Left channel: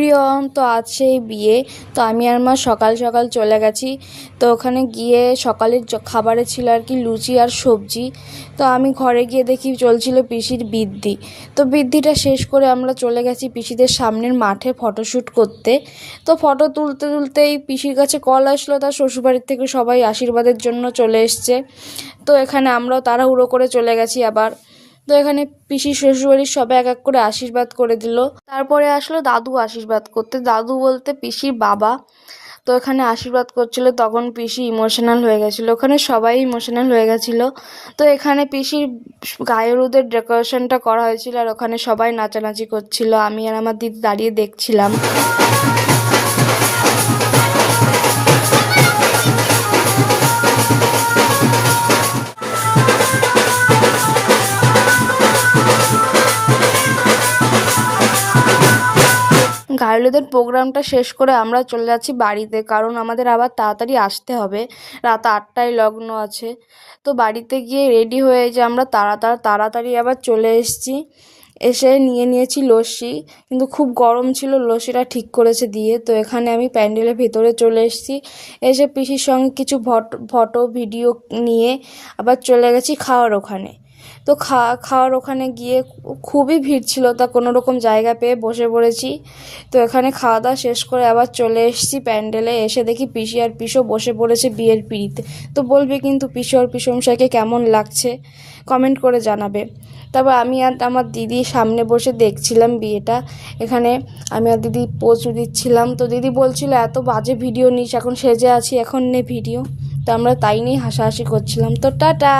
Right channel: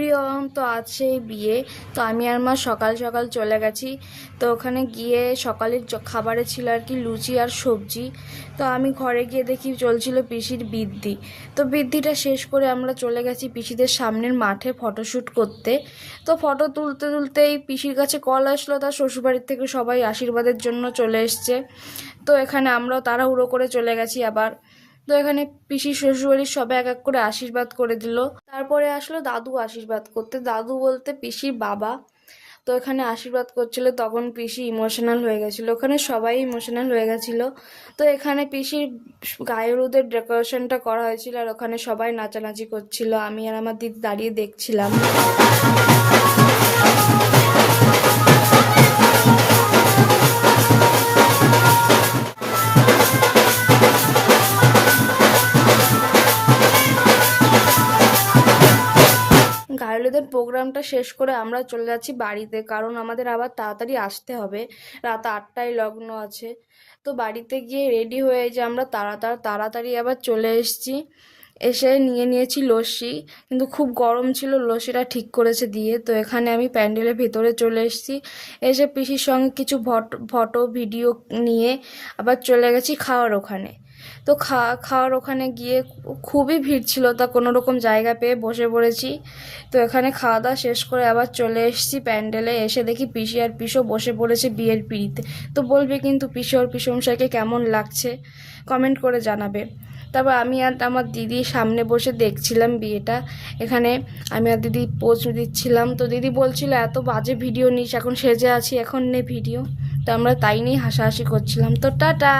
Everyone, তো আজ সেই বিয়ে। তো আমি আর মা সকাল সকাল চলে গেছি। তো ওখানে গিয়ে সকালের খাবারে ছিল আর কি লুচি আর সবজি। তো আমি ঘরে গিয়ে দেখি চলছিল পিসির বৃদ্ধি। তো বৃদ্ধিটা শেষ করে আমরা চলে গেছি পিসিদের সামনের মাঠে ফটোশ্যুট করতে। তো ফটো তুলতে তুলতেই পিসির কাছে কল আসলো, তার শ্বশুরবাড়ির থেকে সবাই আশীর্বাদের জন্য চলে এসছে। তো এখানে আমরাও তাড়াহুড়ো করে চলে গেছি আবার। তো এখানে পিসির শ্বশুরবাড়ির সবাই এক এক করে আশীর্বাদ করে দিল। তারপরে আসলো দাদু আশীর্বাদ করতে, দাদু বলতে পিসির বাবা। তো এখানে আশীর্বাদ করছিল, তখন পিসি ইমোশনাল হয়ে গেছিলো, ওখানে সবাই ইমোশনাল হয়ে গেছিলো। তো এখানে পিসির গায়ে হলুদের ডেকোরেশনটা করা হয়েছিল আর ওখানে সবাই নাচানাচি করছিল, আমি আর আমার দিদি দাঁড়িয়ে দেখছিলাম। গায়ে হলুদের প্রোগ্রামটা শেষ করে আমরা চলে যাচ্ছি বাড়িতে, কারণ আমাদের আবার তাড়াতাড়ি আসতে হবে, রাত 8টায় লগ্ন আছে। তো বাড়িতে গিয়ে রেডি হয়ে যে আমরা তাড়াতাড়ি আবার চলে এসেছি। এসে নিয়েছি লস্যি, কিন্তু খুব গরম ছিল, লস্যিটা ঠিক করেছে দিয়ে। তো এখানে আমি প্যান্ডেলের ভিতরে চলে এসেছি, এসে পিসির সঙ্গে কিছু ফটো ভিডিও নিয়ে আবার চলে গেছি খাওয়ার ওখানে। তো খাওয়ার ওখানে গিয়ে খুবই ভিড় ছিল, তা কোনো রকম জায়গা পেয়ে বসে পড়েছি। তো এখানে খাওয়া দাওয়া শেষ করে আবার চলে এসেছি প্যান্ডেলে, এসে দেখি পিসি আর পিসো বসে পড়েছে বিয়ের পিঁড়িতে। তো বলবি কিন্তু পিসি আর পিসমশাইকে কেমন লাগছে কমেন্ট করে জানাবে। তারপর আমি আর আমার দিদি সামনে বসে দেখছিলাম বিয়েটা। এখানে আমি আর দিদি পোজ দিচ্ছিলাম। তো দিদি বলছিল এত বাজে ভিডিও নিস, এখন সেজে আছি, এখন নে ভিডিও। তো আমরা তাই নিয়েই হাসাহাসি করছিলাম। তো টাটা।